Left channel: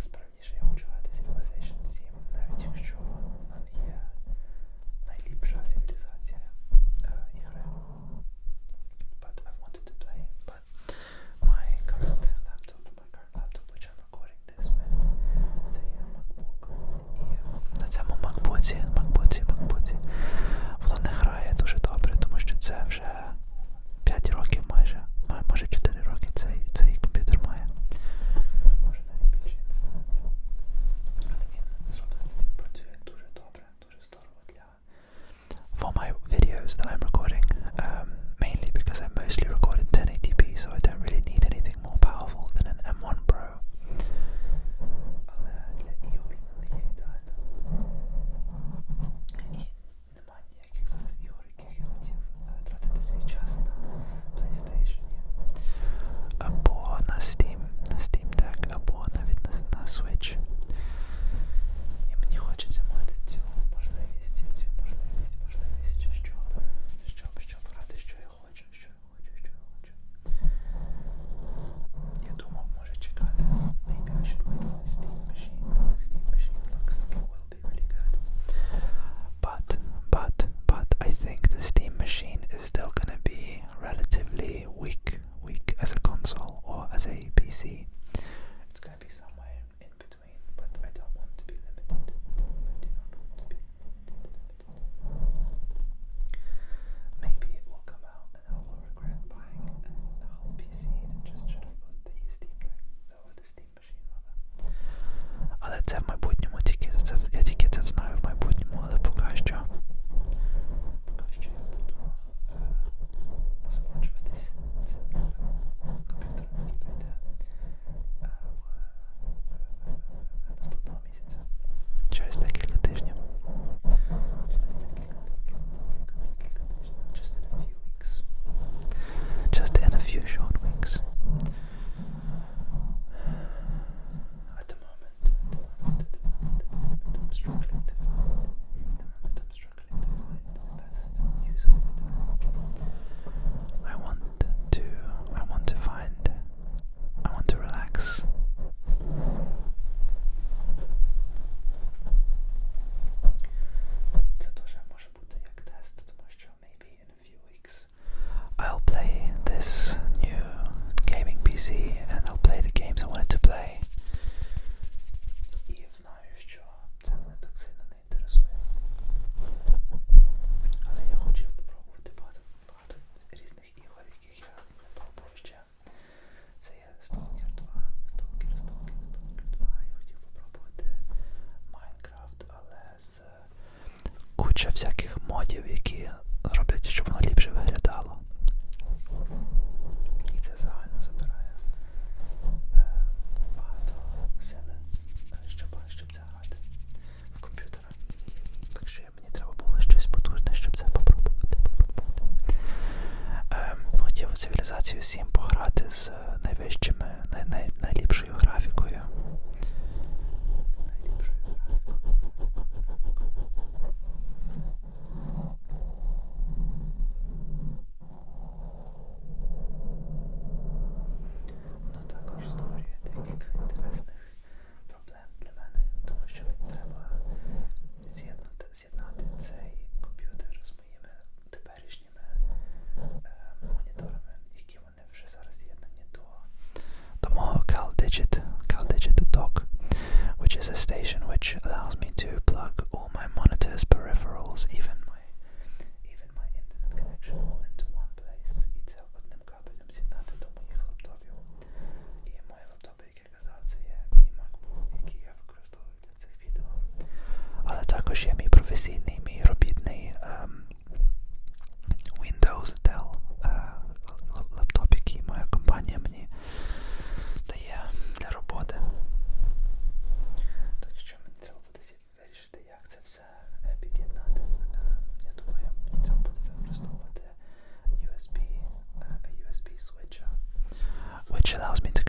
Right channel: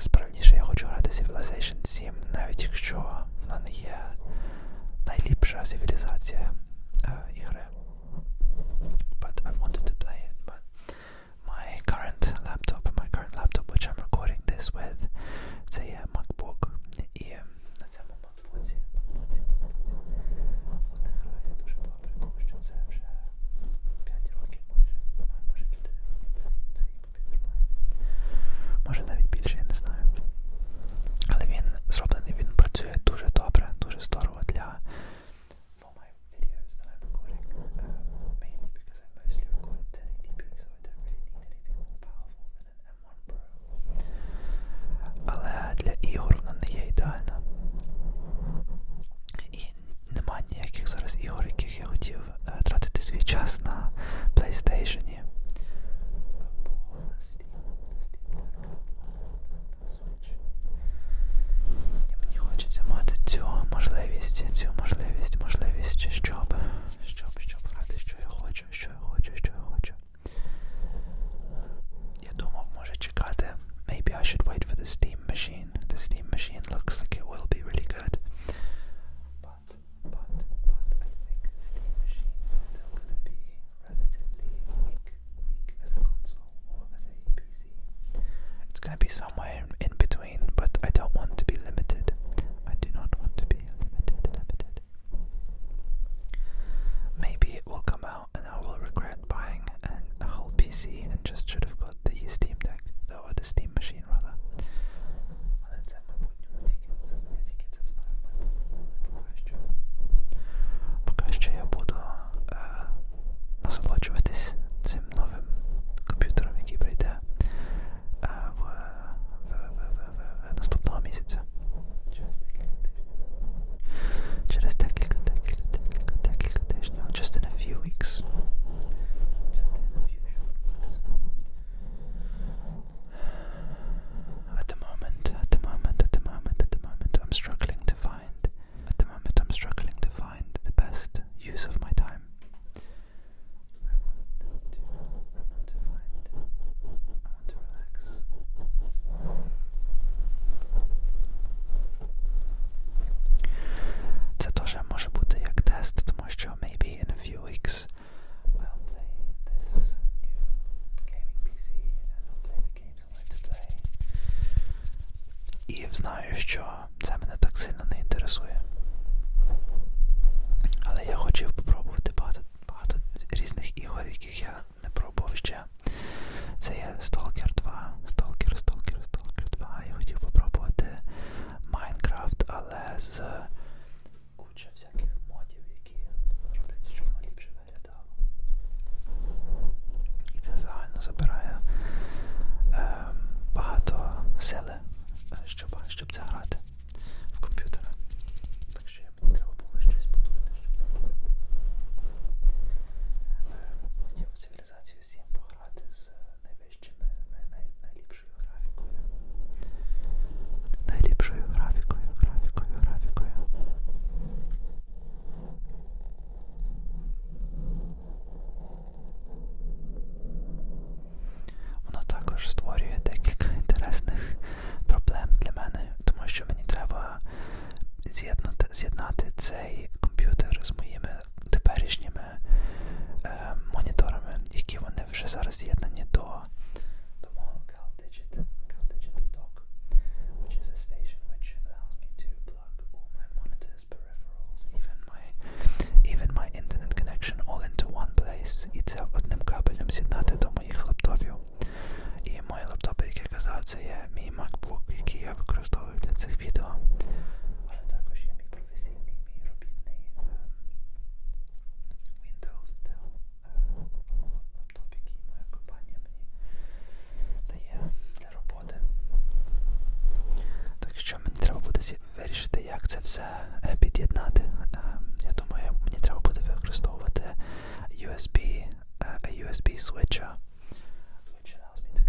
this, but куча всяких модів, які роблять, щоб воно ліпше виглядало. І це загально забирає е, багато сили, щоб, щоб це грати в комп'ютера. Так що мені треба було щось потужне, щоб це попробувати. Е, хотів цивілізацію Сім. Э, USB э, switcher, which allows me to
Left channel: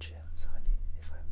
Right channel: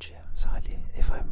friendships. I. If I'm